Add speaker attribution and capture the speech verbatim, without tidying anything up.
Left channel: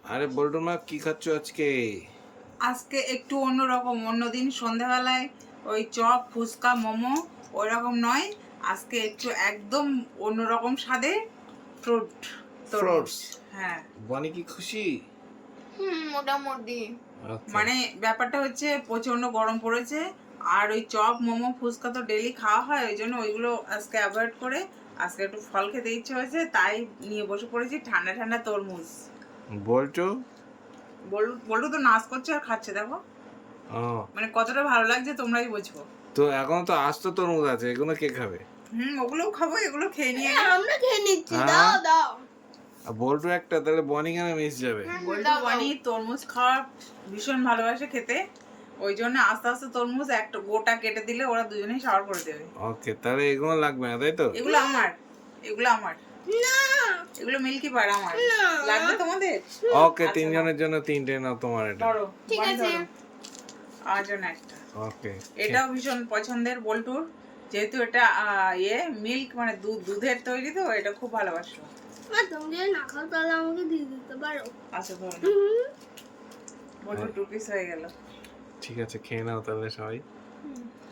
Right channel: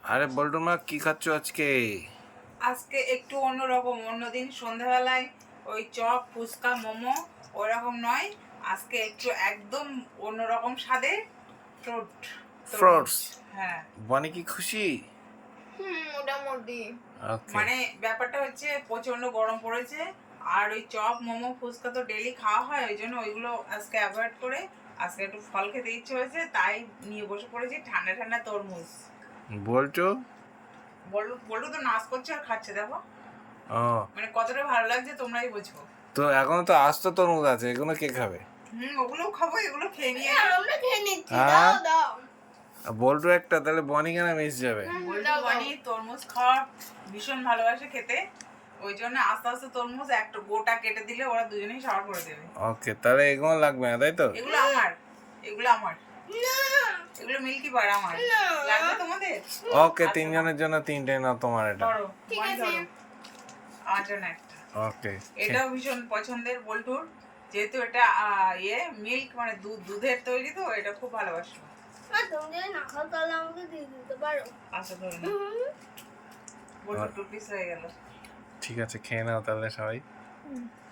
Speaker 1: আরে বল্টু মা কি খাচ্ছ আজকে?
Speaker 2: আজকে একটু অন্যরকম। অন্যদিন সন্ধ্যাবেলায় ওই চপ ফুচকা মোমো ওইরকম নয়, আজকে একটু একদম অন্যরকম স্বাদে ফ্রুট
Speaker 1: ফ্রুটস।
Speaker 2: হ্যাঁ,
Speaker 1: বনি কি খুশি?
Speaker 3: হুম মোটামুটি।
Speaker 1: ওকে।
Speaker 2: মানে ব্যাপারটা হচ্ছে প্রচন্ড গরম পড়েছে, আর ওই চপ মোমো ফুচকা তো ডেলি খাওয়া হয়, ওই জন্য ওইগুলো আজকে অ্যাভয়েড করে আজকে একটু ফল খেতে ইচ্ছে হয়েছে, তাই নিয়ে বসে পড়েছি ঠান্ডা ঠান্ডা তরমুজ।
Speaker 1: বল্টু?
Speaker 2: বলু বলু তো নাচ করছে আর খাচ্ছে, দেখো
Speaker 1: ও,
Speaker 2: মানে কতটা ভালো লাগছে তোমরাই বুঝবো।
Speaker 1: তো এখনো তো আস্ত তরমুজ আছে, এগুলো কে খাবে?
Speaker 2: হুম, ওগুলোও খাবো, এগুলো খেয়ে নিয়ে
Speaker 3: আমরা খেয়ে নিচ্ছি,
Speaker 1: হ্যাঁ?
Speaker 3: দাও দাও।
Speaker 1: আর বল্টু একটা, তাহলে বনি কেন মিস যাবে?
Speaker 2: বল্টু বানি তরমুজ খাওয়ার ভীষণ ভালোবাসে খেতে, ওই জন্য আস্তে আস্তে তরমুজ একটা গোটা কেটে দিলে ওরা দুজনেই সাওয়ার করে দেবে।
Speaker 1: ওকে, তাহলে এগুলো লাগবে না তাই তো?
Speaker 2: এগুলো আমার, এগুলো আমার,
Speaker 3: না
Speaker 2: এগুলো মিল্কি বার আমার।
Speaker 3: না।
Speaker 2: লাগবে তোমাদের?
Speaker 1: ওকে,
Speaker 2: আচ্ছা,
Speaker 1: তিনজনের জন্য তিনটে নাও, তোমার এটা।
Speaker 2: ধরো,
Speaker 3: ঠিক
Speaker 2: বানি
Speaker 3: আছে।
Speaker 2: ধরো। আমার জন্য একটা।
Speaker 1: ওকে।
Speaker 2: এটাও ভীষণ পছন্দের বল্টুর, যেহেতু এটা আহ, ইয়ে মিল্ক মানে দুধ দুধের তৈরি, তো এটা খুব ভালোবাসো।
Speaker 3: মা তুমি যদি না খাও তাহলে আমাকে দিয়ে দিতে পারো।
Speaker 2: আচ্ছা ধরো,
Speaker 3: হুম।
Speaker 2: বল্টুর টু পিস হয়ে গেল।
Speaker 1: ঠিক আছে, খেয়ে নাও তাহলে সবাই।